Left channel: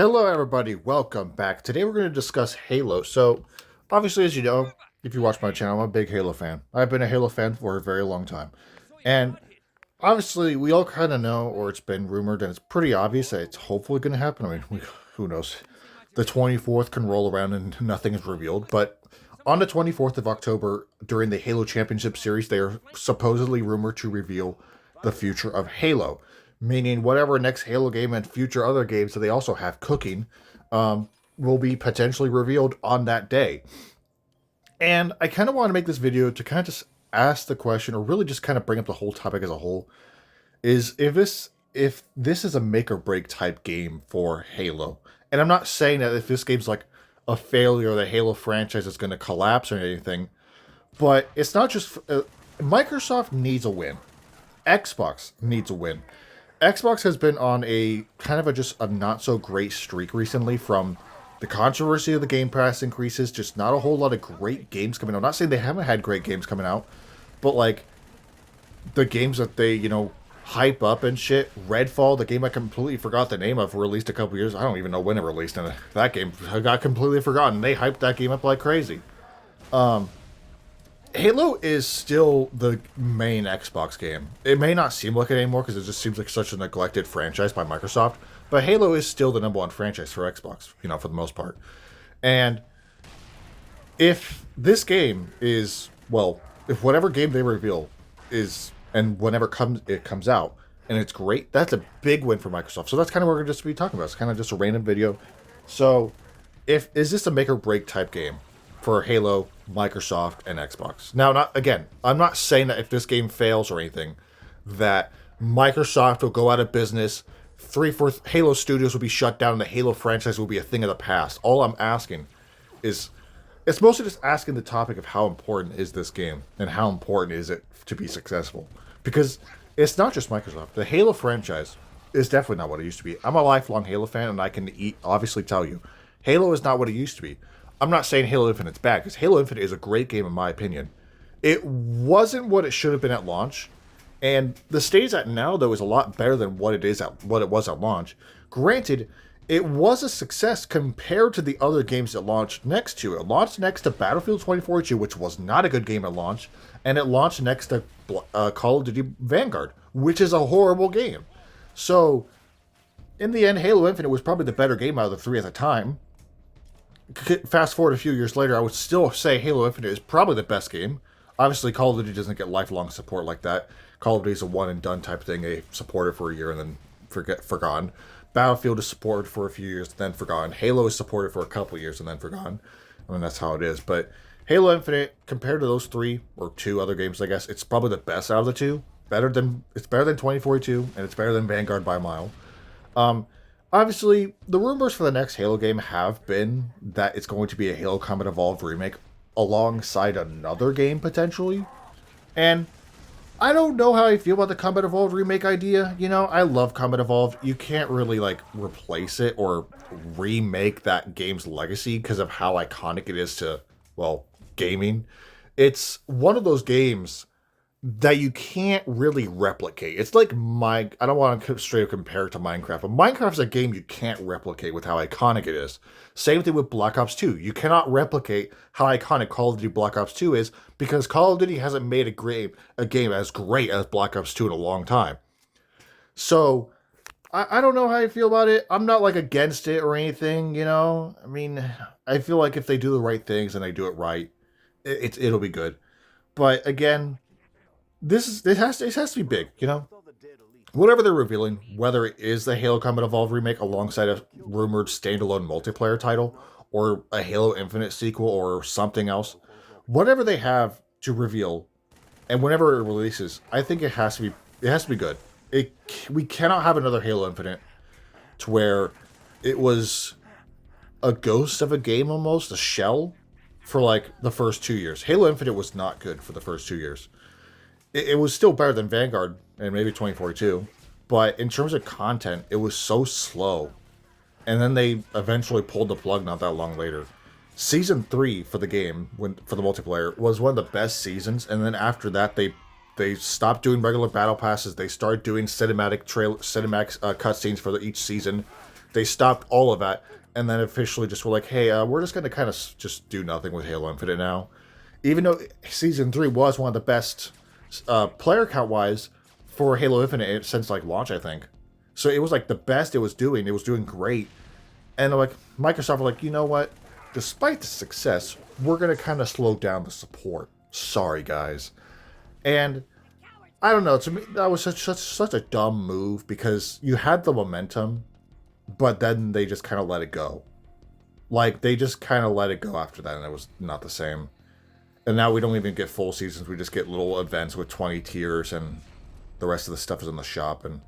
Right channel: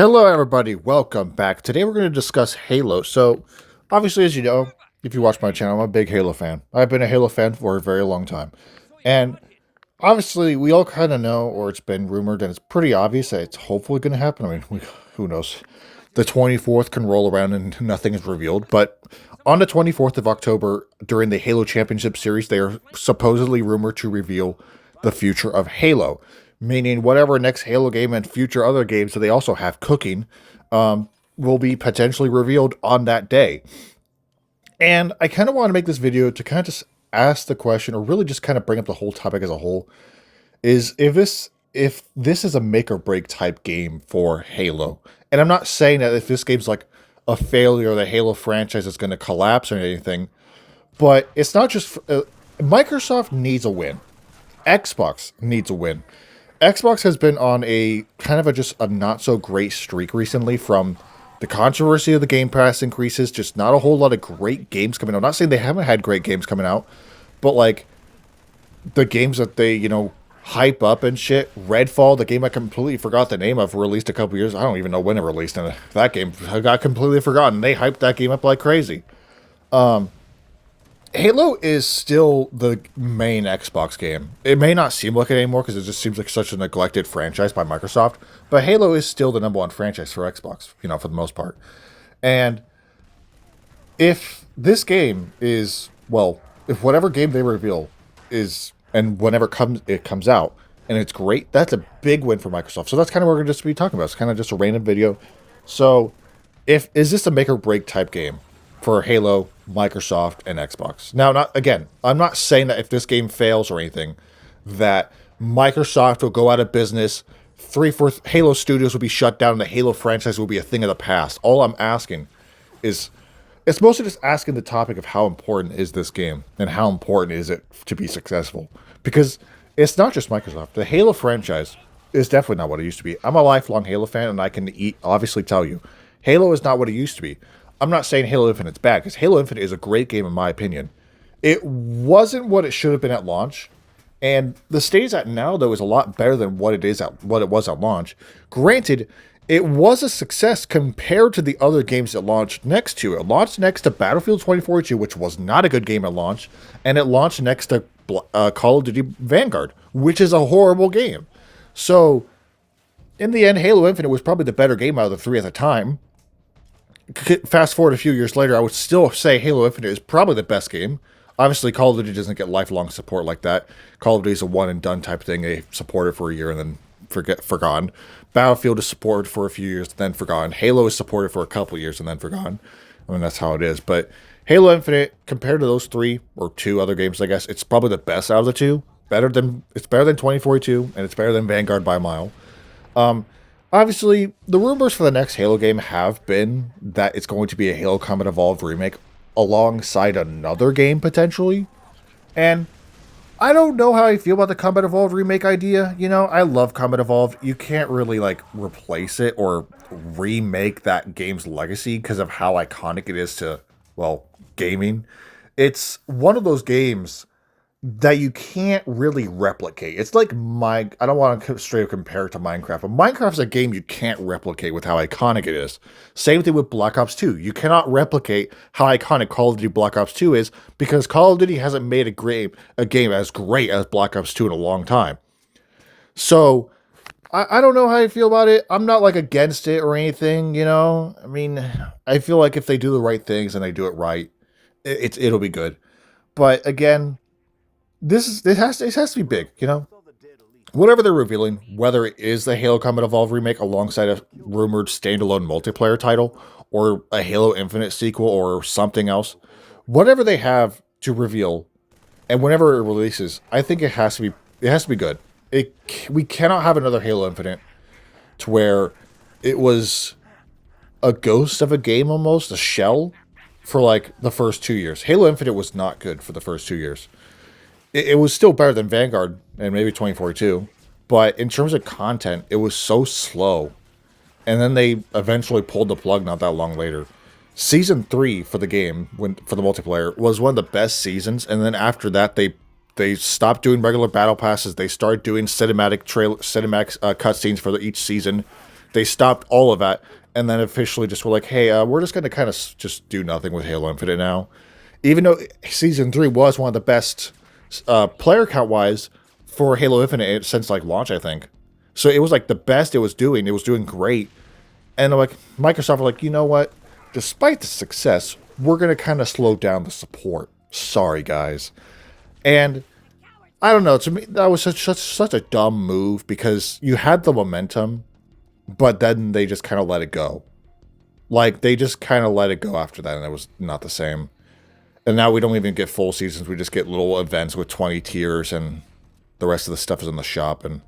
Hello, everybody. Welcome back. Today we're going to discuss Halo. So, obviously, as you know, if you watch my channel, I'm a big Halo fan. I've been a Halo fan for a very long time. And obviously, we all kind of know, or it's been rumored, and it's pretty obvious that it's hopefully going to happen. I mean, who knows? The 24th can roll around and nothing is revealed. But on the 24th of October, during the Halo Championship Series, they are supposedly rumored to reveal the future of Halo, meaning whatever next Halo game and future other games that they also have cooking will be potentially revealed on that day. And I kind of want to make this video to kind of just ask the question, or really just kind of bring up the whole topic as a whole, is if this is a make or break type game for Halo. And I'm not saying that if this game's like a failure, the Halo franchise is going to collapse or anything, but it's not just Microsoft needs a win. Xbox needs a win. Xbox has been on a kind of a just a not so great streak recently from the controversy of the Game Pass increases, just not a whole lot of great games coming out. I'm not saying they haven't had great games coming out, but like the games that they, hype up and shit. Redfall, the game I completely forgot the name of, released a couple years. I don't even know when it released, and that game I got completely forgotten. They hyped that game up like crazy. Halo is still the main Xbox game. It may not seem like it anymore because it just seems like such a neglected franchise by Microsoft, but Halo is still the number one franchise for Xbox, for the most part. And if this game is, well, if whatever game they reveal is, and whenever it comes out, and it's great, that's a big win for Microsoft. So that's kind of what we're going to just be talking about. It's kind of just a random video. So, if is this a make or break type game for Halo, Microsoft, and Xbox? Now, not again, I'm not saying that if this game fails or anything, that Microsoft will go out of business. Three-fourth Halo studios will be shut down, and the Halo franchise will be a thing of the past. All I'm asking is it's mostly just asking the topic of how important is this game and how important is it to be successful. Because it's not just Microsoft. The Halo franchise is definitely not what it used to be. I'm a lifelong Halo fan, and I can obviously tell you, Halo is not what it used to be. I'm not saying Halo Infinite's bad, because Halo Infinite is a great game in my opinion. It wasn't what it should have been at launch, and the state it's at now, though, is a lot better than what it was at launch. Granted, it was a success compared to the other games that launched next to it. It launched next to Battlefield 2042, which was not a good game at launch, and it launched next to Call of Duty Vanguard, which is a horrible game. So, in the end, Halo Infinite was probably the better game out of the three at the time. Fast forward a few years later, I would still say Halo Infinite is probably the best game. Obviously, Call of Duty doesn't get lifelong support like that. Call of Duty is a one and done type thing. They support it for a year and then forgotten. Battlefield is supported for a few years, then forgotten. Halo is supported for a couple years and then forgotten. I mean, that's how it is. But Halo Infinite, compared to those three or two other games, I guess it's probably the best out of the two. It's better than 2042, and it's better than Vanguard by a mile. Obviously, the rumors for the next Halo game have been that it's going to be a Halo Combat Evolved remake alongside another game potentially. And I don't know how I feel about the Combat Evolved remake idea. I love Combat Evolved. You can't really replace it or remake that game's legacy because of how iconic it is to, well, gaming. It's one of those games that you can't really replicate. It's like I don't want to straight up compare it to Minecraft, but Minecraft's a game you can't replicate with how iconic it is. Same thing with Black Ops 2. You cannot replicate how iconic Call of Duty Black Ops 2 is because Call of Duty hasn't made a game as great as Black Ops 2 in a long time. So I don't know how I feel about it. I'm not against it or anything. I mean, I feel like if they do the right things and they do it right, it'll be good. But again, it has to be big. Whatever they're revealing, whether it is the Halo Combat Evolved remake alongside a rumored standalone multiplayer title, or a Halo Infinite sequel, or something else, whatever they have to reveal, and whenever it releases, I think it has to be good. We cannot have another Halo Infinite to where it was a ghost of a game almost, a shell for the first 2 years. Halo Infinite was not good for the first 2 years. It was still better than Vanguard and maybe 2042, but in terms of content, it was so slow. And then they eventually pulled the plug not that long later. Season 3 for the game, for the multiplayer, was one of the best seasons, and then after that they stopped doing regular battle passes. They started doing cinematic cutscenes for each season. They stopped all of that, and then officially just were like, "Hey, we're just going to kind of just do nothing with Halo Infinite now." Even though Season 3 was one of the best player count wise for Halo Infinite since like launch, I think. So it was like the best it was doing. It was doing great, and like Microsoft were like, you know what? Despite the success, we're gonna kind of slow down the support. Sorry, guys. And I don't know. To me, that was such a dumb move because you had the momentum, but then they just kind of let it go. Like they just kind of let it go after that, and it was not the same. And now we don't even get full seasons. We just get little events with 20 tiers, and the rest of the stuff is in the shop and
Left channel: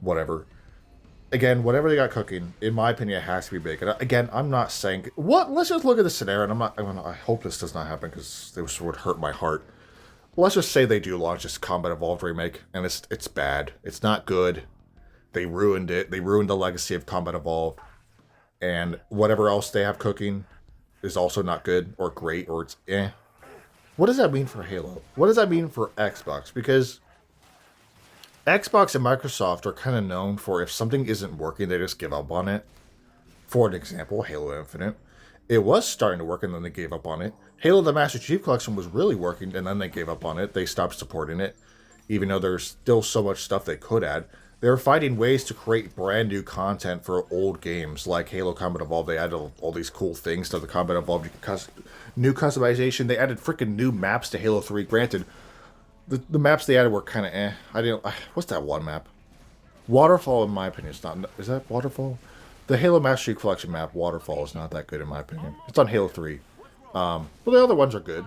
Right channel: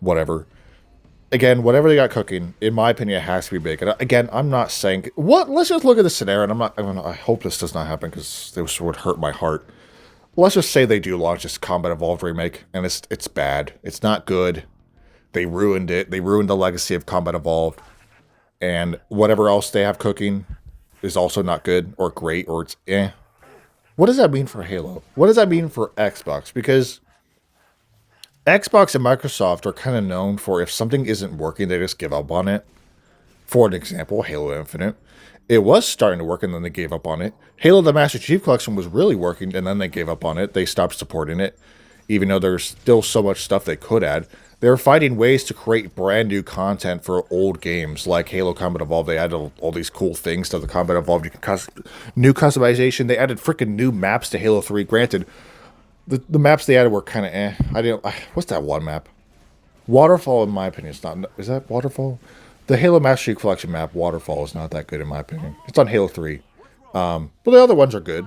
whatever. Again, whatever they got cooking, in my opinion, it has to be big. And again, I'm not saying what. Let's just look at the scenario. And I hope this does not happen because this would hurt my heart. Let's just say they do launch this Combat Evolved remake, and it's bad. It's not good. They ruined it. They ruined the legacy of Combat Evolved, and whatever else they have cooking is also not good or great or it's eh. What does that mean for Halo? What does that mean for Xbox? Because Xbox and Microsoft are kind of known for if something isn't working, they just give up on it. For an example, Halo Infinite. It was starting to work and then they gave up on it. Halo the Master Chief Collection was really working and then they gave up on it. They stopped supporting it, even though there's still so much stuff they could add. They're finding ways to create brand new content for old games, like Halo Combat Evolved. They added all these cool things to the Combat Evolved. You can new customization. They added freaking new maps to Halo 3. Granted, the maps they added were kind of eh. I didn't. What's that one map? Waterfall, in my opinion, is not. Is that Waterfall? The Halo Master Chief Collection map, Waterfall, is not that good in my opinion. It's on Halo 3. But the other ones are good.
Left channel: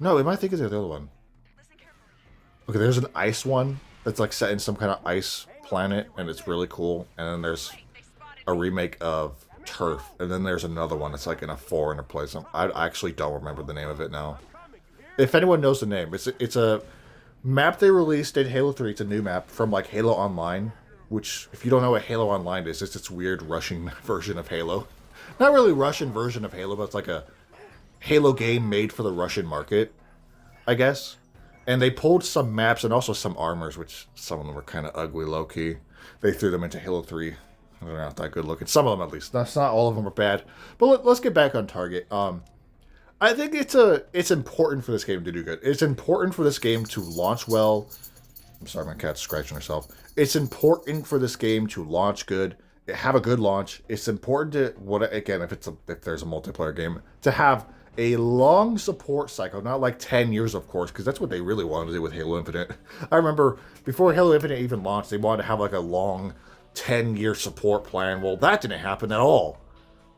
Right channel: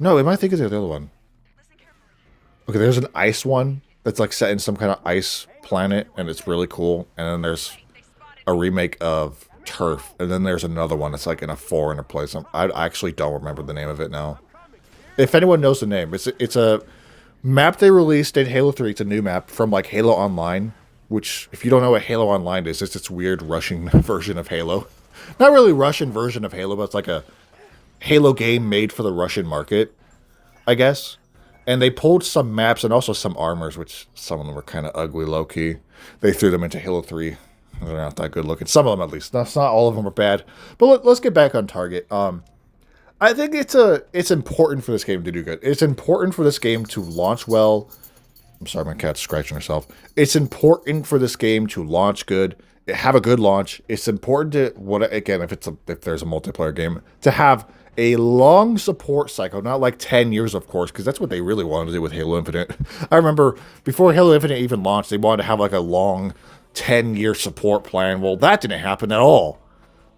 No, am I thinking of the other one? Okay, there's an ice one that's like set in some kind of ice planet, and it's really cool. And then there's a remake of Turf, and then there's another one that's like in a foreign place. I actually don't remember the name of it now. If anyone knows the name, it's a map they released in Halo 3. It's a new map from like Halo Online, which if you don't know what Halo Online is, it's this weird Russian version of Halo. Not really Russian version of Halo, but it's like a Halo game made for the Russian market, I guess. And they pulled some maps and also some armors, which some of them were kind of ugly, low-key. They threw them into Halo 3. They're not that good looking. Some of them, at least. Not all of them are bad. But let's get back on target. I think it's important for this game to do good. It's important for this game to launch well. I'm sorry, my cat's scratching herself. It's important for this game to launch good, have a good launch. It's important to if there's a multiplayer game, to have a long support cycle, not like 10 years, of course, because that's what they really wanted to do with Halo Infinite. I remember before Halo Infinite even launched, they wanted to have like a long 10-year support plan. Well, that didn't happen at all.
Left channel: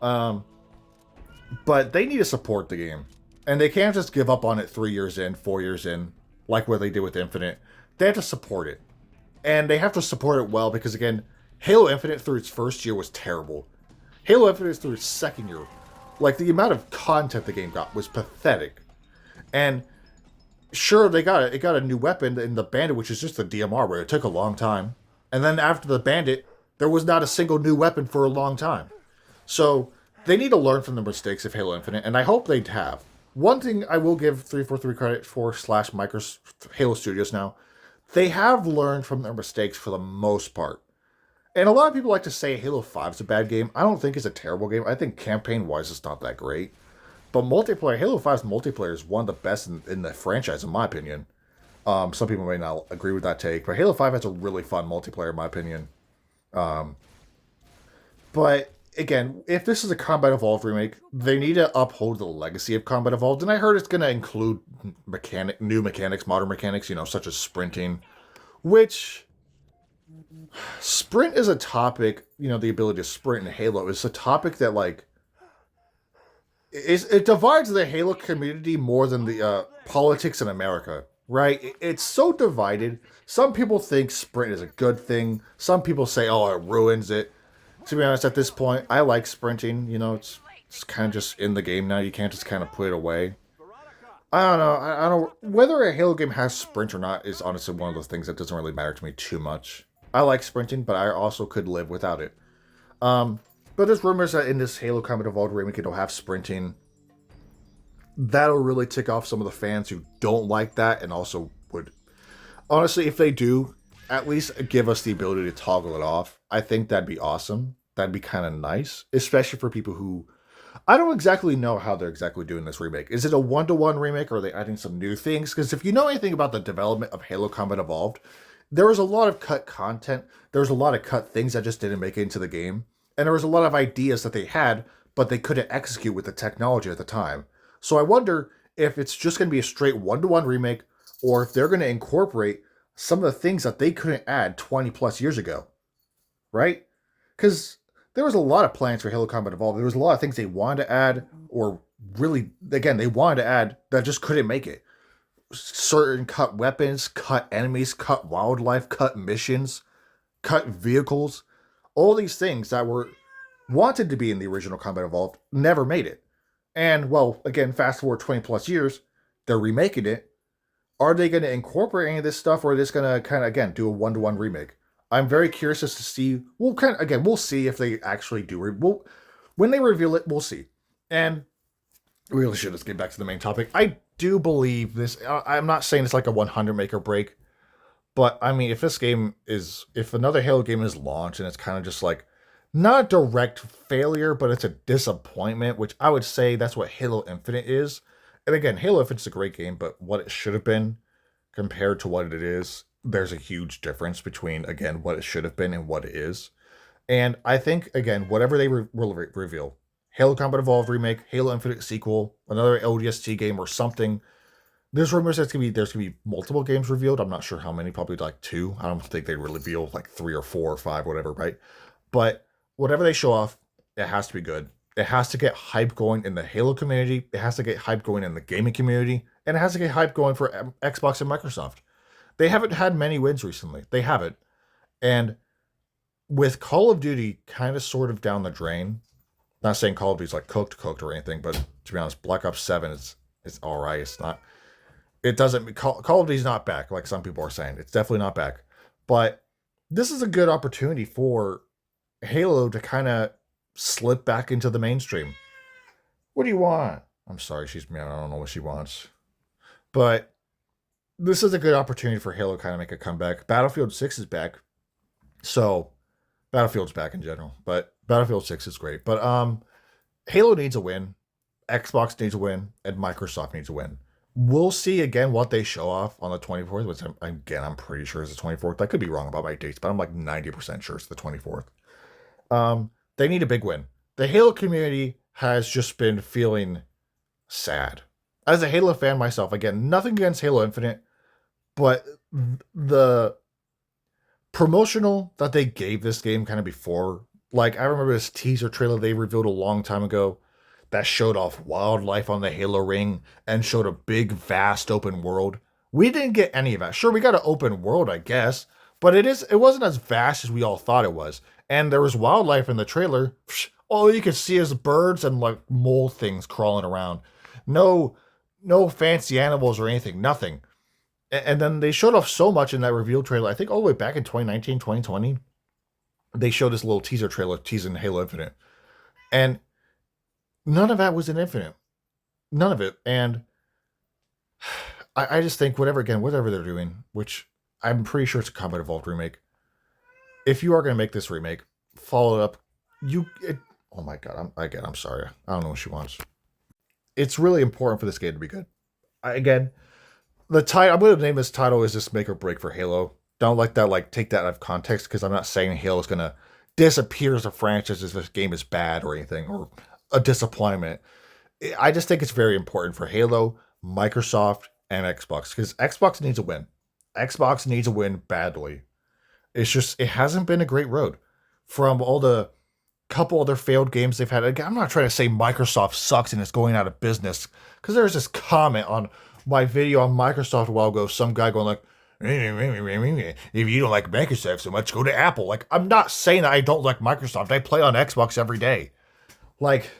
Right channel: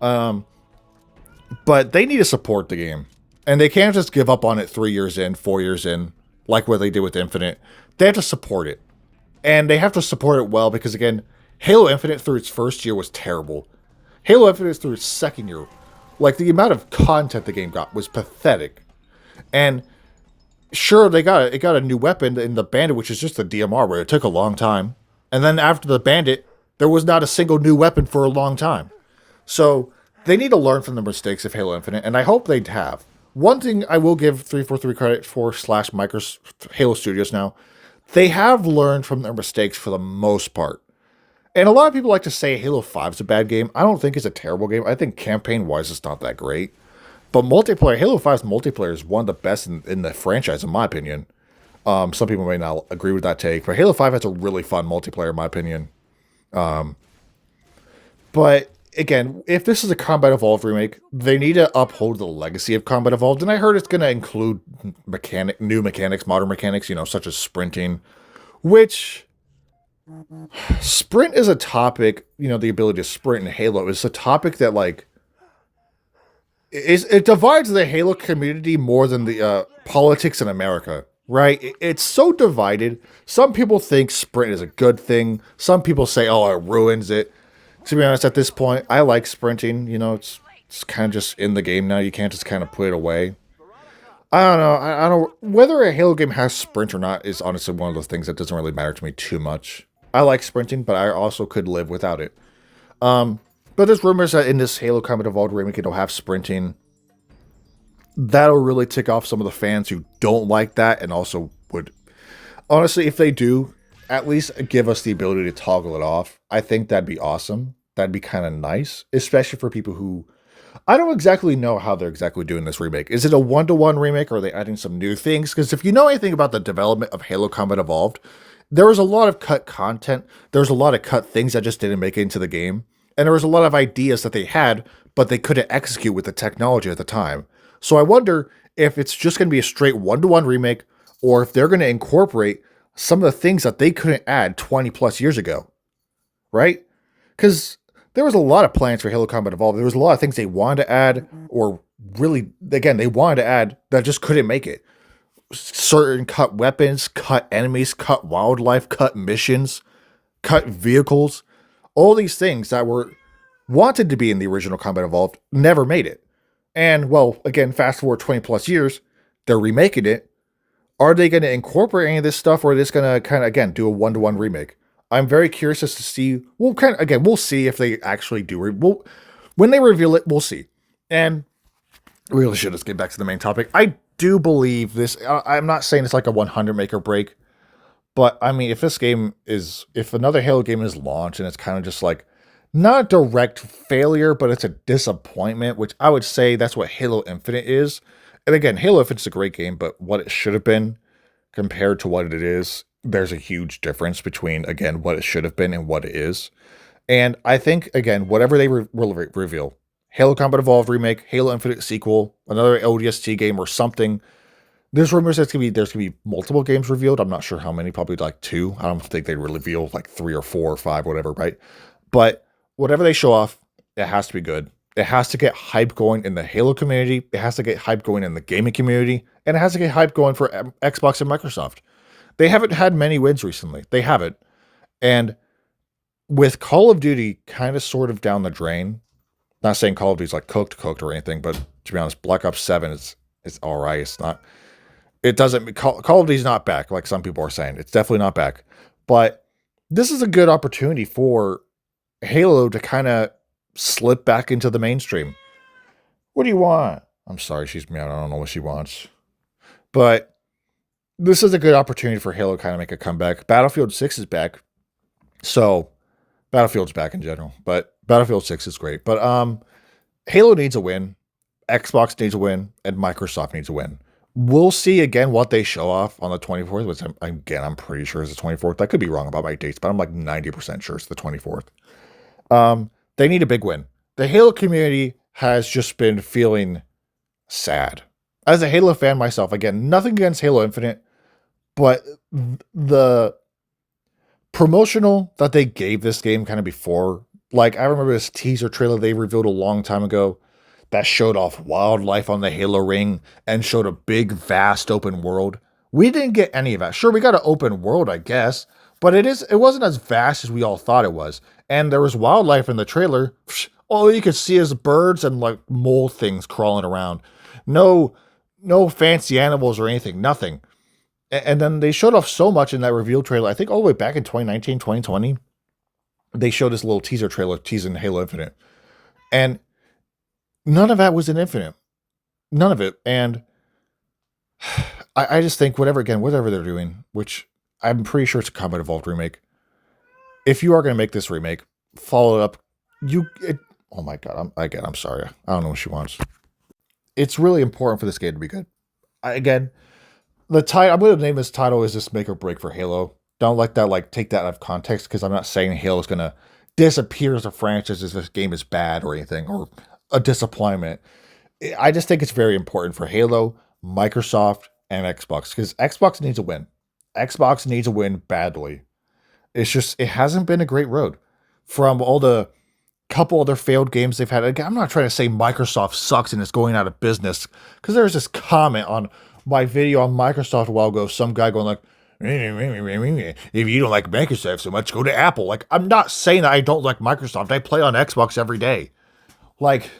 But they need to support the game. And they can't just give up on it 3 years in, 4 years in, like what they did with Infinite. They have to support it. And they have to support it well because, again, Halo Infinite through its first year was terrible. Halo Infinite through its second year, like the amount of content the game got was pathetic. And sure, it got a new weapon in the Bandit, which is just a DMR, where it took a long time. And then after the Bandit, there was not a single new weapon for a long time. So they need to learn from the mistakes of Halo Infinite, and I hope they have. One thing I will give 343 credit for / Microsoft Halo Studios now, they have learned from their mistakes for the most part. And a lot of people like to say Halo 5 is a bad game. I don't think it's a terrible game. I think campaign-wise it's not that great. But multiplayer, Halo 5's multiplayer is one of the best in the franchise, in my opinion. Some people may not agree with that take, but Halo 5 has a really fun multiplayer, in my opinion. But again, if this is a Combat Evolved remake, they need to uphold the legacy of Combat Evolved. And I heard it's going to include new mechanics, modern mechanics, such as sprinting, which sprint is a topic, the ability to sprint in Halo is a topic that, like, it divides the Halo community more than the politics in America, right? It's so divided. Some people think sprint is a good thing. Some people say, oh, it ruins it. To be honest, at this point, I like sprinting. It's kind of just in the game now. You can't just kind of put it away. I don't know. I don't whether a Halo game has sprint or not is honestly one of those things that doesn't really matter to me too much. I like sprinting, but I also could live without it. But there's rumors that in this Halo Combat Evolved remake, it'll have sprinting. That'll really tick off some of the fans who don't like that, and also would, honestly, if they do, at least give us the ability to toggle it off. I think that'd be awesome. that'd be kind of nice, especially for people who I don't exactly know how they're exactly doing this remake. Is it a one-to-one remake or are they adding some new things? Because if you know anything about the development of Halo Combat Evolved, there was a lot of cut content. There was a lot of cut things that just didn't make it into the game. And there was a lot of ideas that they had, but they couldn't execute with the technology at the time. So I wonder if it's just going to be a straight one-to-one remake or if they're going to incorporate some of the things that they couldn't add 20 plus years ago, right? Because there was a lot of plans for Halo Combat Evolved. There was a lot of things they wanted to add, or really, again, they wanted to add that just couldn't make it. Certain cut weapons, cut enemies, cut wildlife, cut missions, cut vehicles. All these things that were wanted to be in the original Combat Evolved never made it. And, well, again, fast forward 20 plus years, they're remaking it. Are they going to incorporate any of this stuff, or are they just going to kind of, again, do a one-to-one remake? I'm very curious as to see. We'll kind of, again, we'll see if they actually do. When they reveal it, we'll see. And we really should just get back to the main topic. I do believe this. I'm not saying it's like a 100 make or break, but I mean, if another Halo game is launched and it's kind of just like not a direct failure, but it's a disappointment, which I would say that's what Halo Infinite is. And again, Halo Infinite's a great game, but what it should have been compared to what it is, there's a huge difference between, again, what it should have been and what it is. And I think, again, whatever they reveal, Halo Combat Evolved remake, Halo Infinite sequel, another ODST game or something. There's rumors there's gonna be multiple games revealed. I'm not sure how many, probably like 2. I don't think they reveal like 3 or 4 or 5, whatever, right? But whatever they show off, it has to be good. It has to get hype going in the Halo community. It has to get hype going in the gaming community, and it has to get hype going for Xbox and Microsoft. They haven't had many wins recently. They haven't. And with Call of Duty kind of sort of down the drain, not saying Call of Duty's like cooked or anything, but to be honest, Black Ops 7 is all right. It's not, it doesn't, Call of Duty's not back like some people are saying. It's definitely not back. But this is a good opportunity for Halo to kind of slip back into the mainstream. What do you want? I'm sorry, she's mad. I don't know what she wants. But this is a good opportunity for Halo to kind of make a comeback. Battlefield 6 is back. So Battlefield's back in general, but Battlefield 6 is great. But Halo needs a win. Xbox needs a win, and Microsoft needs a win. We'll see again what they show off on the 24th, which I'm pretty sure is the 24th. I could be wrong about my dates, but I'm like 90% sure it's the 24th. They need a big win. The Halo community has just been feeling sad. As a Halo fan myself, again, nothing against Halo Infinite, but the promotional that they gave this game kind of before, like I remember this teaser trailer they revealed a long time ago that showed off wildlife on the Halo ring and showed a big, vast open world. We didn't get any of that. Sure, we got an open world, I guess, but it wasn't as vast as we all thought it was. And there was wildlife in the trailer. All you could see is birds and like mole things crawling around. No fancy animals or anything, nothing. And then they showed off so much in that reveal trailer. I think all the way back in 2019, 2020, they showed this little teaser trailer teasing Halo Infinite. And none of that was in Infinite. None of it. And I just think whatever they're doing, which I'm pretty sure it's a Combat Evolved remake. If you are going to make this remake, follow it up. Oh my God. I'm sorry. I don't know what she wants. It's really important for this game to be good. The title, I'm going to name this title is just make or break for Halo. Don't like that, like take that out of context, because I'm not saying Halo is going to disappear as a franchise as this game is bad or anything, or a disappointment. I just think it's very important for Halo, Microsoft, and Xbox, because Xbox needs a win. Xbox needs a win badly. It's just, it hasn't been a great road. From all the couple other failed games they've had. Again, I'm not trying to say Microsoft sucks and is going out of business, because there's this comment on my video on Microsoft a while ago, some guy going like, if you don't like Microsoft so much, go to Apple. Like, I'm not saying that I don't like Microsoft. I play on Xbox every day. Like,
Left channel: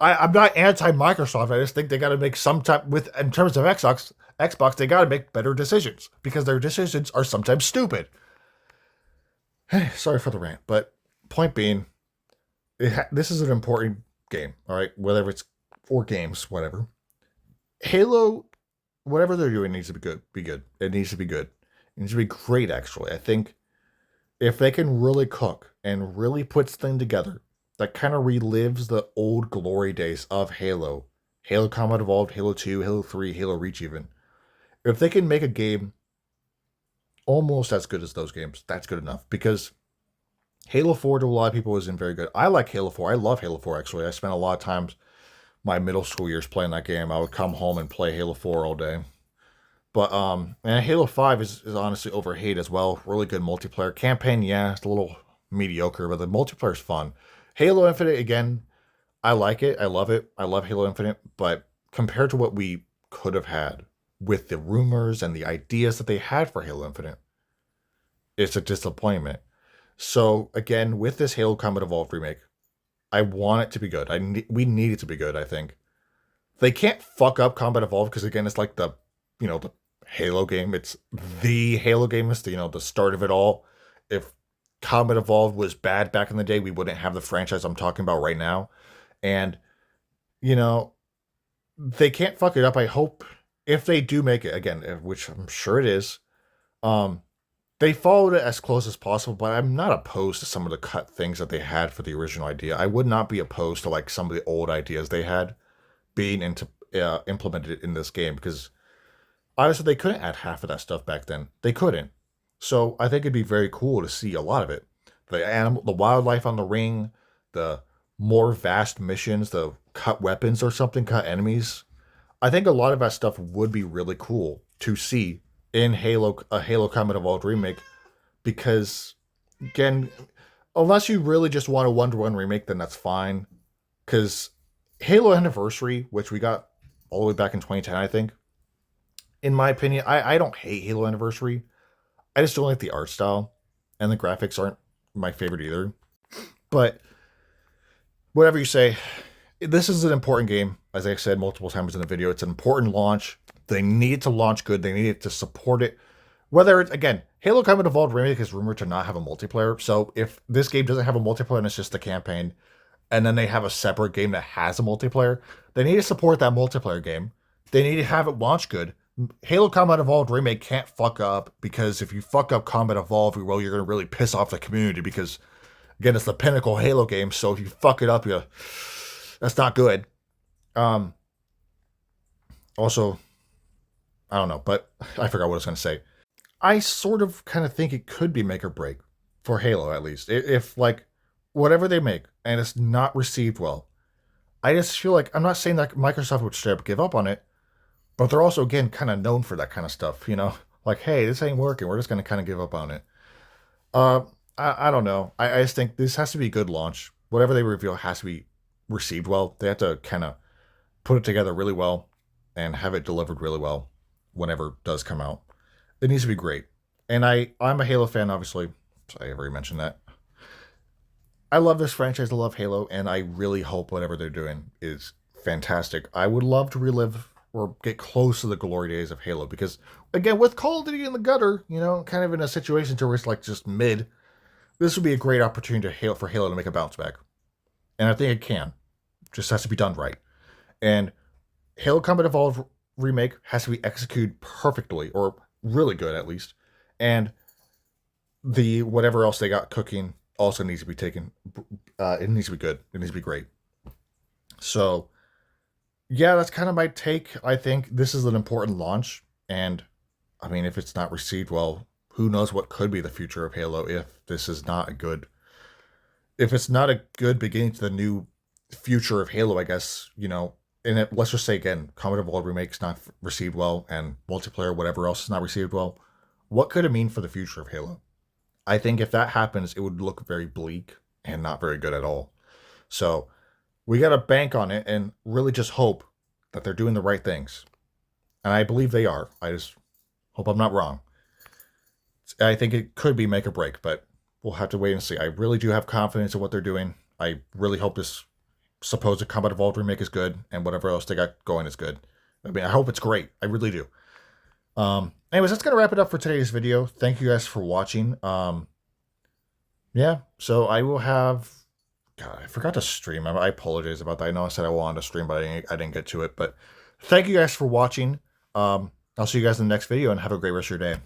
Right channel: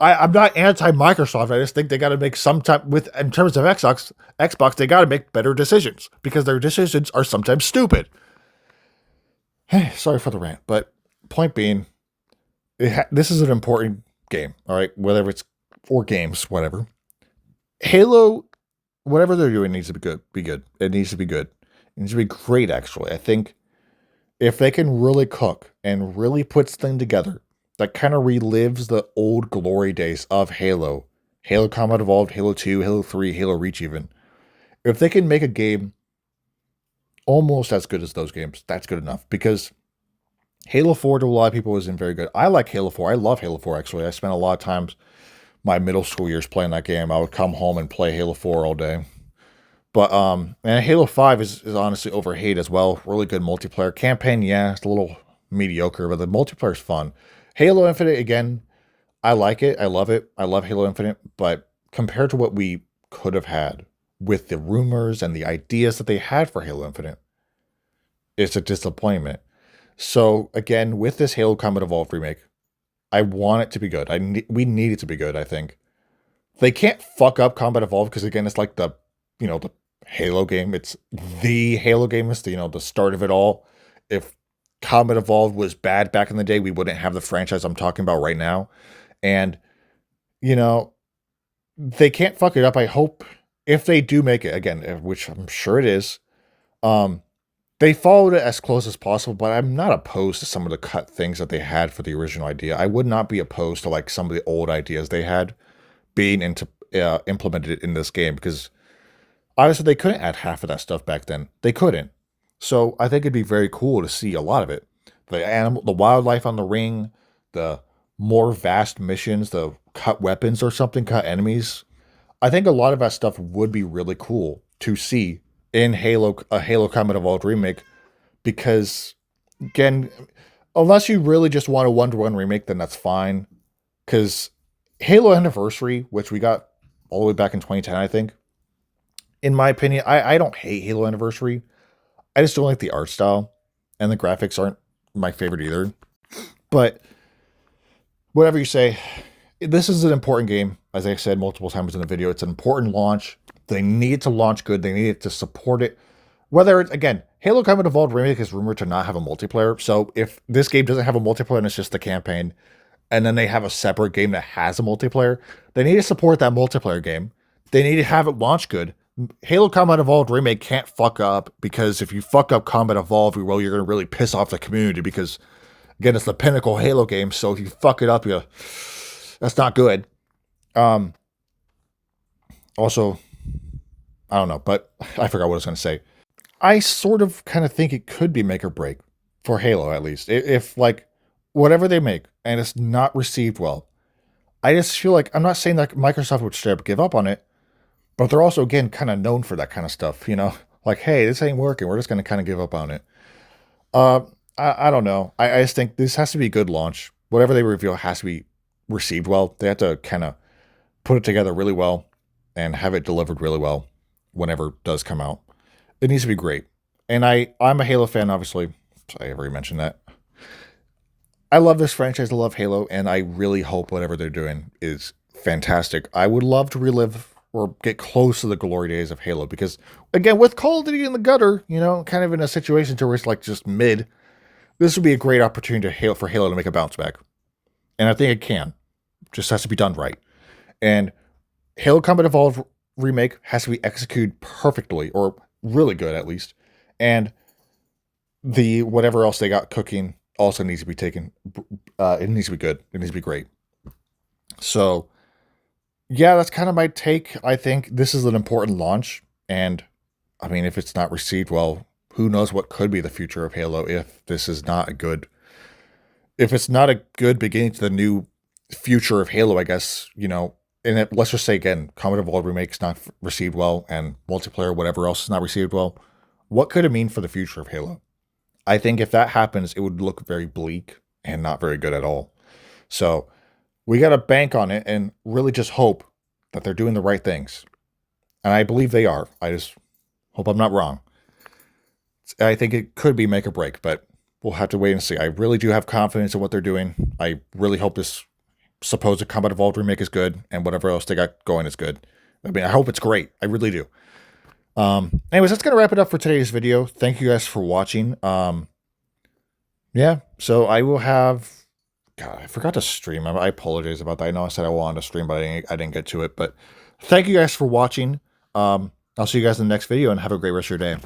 I'm not anti-Microsoft. I just think they got to make in terms of Xbox, they got to make better decisions, because their decisions are sometimes stupid. Hey, sorry for the rant, but point being, this is an important game, all right? Whether it's 4 games, whatever. Halo, whatever they're doing needs to be good. It needs to be good. It needs to be great, actually. I think if they can really cook and really puts things together that kind of relives the old glory days of Halo. Halo Combat Evolved, Halo 2, Halo 3, Halo Reach even. If they can make a game almost as good as those games, that's good enough. Because Halo 4 to a lot of people isn't very good. I like Halo 4. I love Halo 4 actually. I spent a lot of times my middle school years playing that game. I would come home and play Halo 4 all day. But and Halo 5 is honestly overhated as well. Really good multiplayer. Campaign, yeah, it's a little mediocre, but the multiplayer is fun. Halo Infinite, again, I like it. I love it. I love Halo Infinite, but compared to what we could have had with the rumors and the ideas that they had for Halo Infinite, it's a disappointment. So again, with this Halo Combat Evolved remake, I want it to be good. We need it to be good, I think. They can't fuck up Combat Evolved because again, it's like the the Halo game. It's the Halo game. It's the start of it all. If Combat Evolved was bad back in the day, we wouldn't have the franchise I'm talking about right now. And you know, they can't fuck it up. I hope if they do make it again, which I'm sure it is, um, they followed it as close as possible. But I'm not opposed to some of the cut things that they had for the original idea. I would not be opposed to like some of the old ideas they had being implemented in this game because honestly, they couldn't add half of that stuff back then. They couldn't. So I think it'd be very cool to see a lot of it. The wildlife on the ring, the more vast missions, the cut weapons or something, cut enemies. I think a lot of that stuff would be really cool to see in a Halo Combat Evolved remake because, again, unless you really just want a one-to-one remake, then that's fine. Because Halo Anniversary, which we got all the way back in 2010, I think, in my opinion, I don't hate Halo Anniversary. I just don't like the art style, and the graphics aren't my favorite either. But whatever you say, this is an important game. As I said multiple times in the video, it's an important launch. They need to launch good. They need to support it. Whether it's, again, Halo Combat Evolved Remake is rumored to not have a multiplayer. So if this game doesn't have a multiplayer and it's just the campaign, and then they have a separate game that has a multiplayer, they need to support that multiplayer game. They need to have it launch good. Halo Combat Evolved Remake can't fuck up because if you fuck up Combat Evolved, well, you're going to really piss off the community because, again, it's the pinnacle Halo game. So if you fuck it up, that's not good. Also, I don't know, but I forgot what I was going to say. I sort of kind of think it could be make or break for Halo, at least. If like, whatever they make and it's not received well, I just feel like, I'm not saying that Microsoft would straight up give up on it, but they're also, again, kind of known for that kind of stuff, Like, hey, this ain't working. We're just going to kind of give up on it. I don't know. I just think this has to be a good launch. Whatever they reveal has to be received well. They have to kind of put it together really well and have it delivered really well whenever it does come out. It needs to be great. And I'm a Halo fan, obviously. I already mentioned that. I love this franchise. I love Halo, and I really hope whatever they're doing is fantastic. I would love to relive or get close to the glory days of Halo because, again, with Call of Duty in the gutter, kind of in a situation to where it's like just mid, this would be a great opportunity for Halo to make a bounce back. And I think it can. Just has to be done right. And Halo Combat Evolved Remake has to be executed perfectly, or really good at least. And the whatever else they got cooking also needs to be taken. It needs to be good. It needs to be great. So, yeah, that's kind of my take. I think this is an important launch. And, I mean, if it's not received well, who knows what could be the future of Halo if this is not a good... If it's not a good beginning to the new future of Halo, I guess, and let's just say, again, Combat Evolved Remake's not received well, and multiplayer, whatever else is not received well, what could it mean for the future of Halo? I think if that happens, it would look very bleak and not very good at all. So we got to bank on it and really just hope that they're doing the right things. And I believe they are. I just hope I'm not wrong. I think it could be make or break, but we'll have to wait and see. I really do have confidence in what they're doing. I really hope this supposed Combat Evolved remake is good, and whatever else they got going is good. I mean, I hope it's great. I really do. Anyways, that's going to wrap it up for today's video. Thank you guys for watching. Yeah, so I will have... God, I forgot to stream. I apologize about that. I know I said I wanted to stream, but I didn't get to it. But thank you guys for watching. I'll see you guys in the next video, and have a great rest of your day.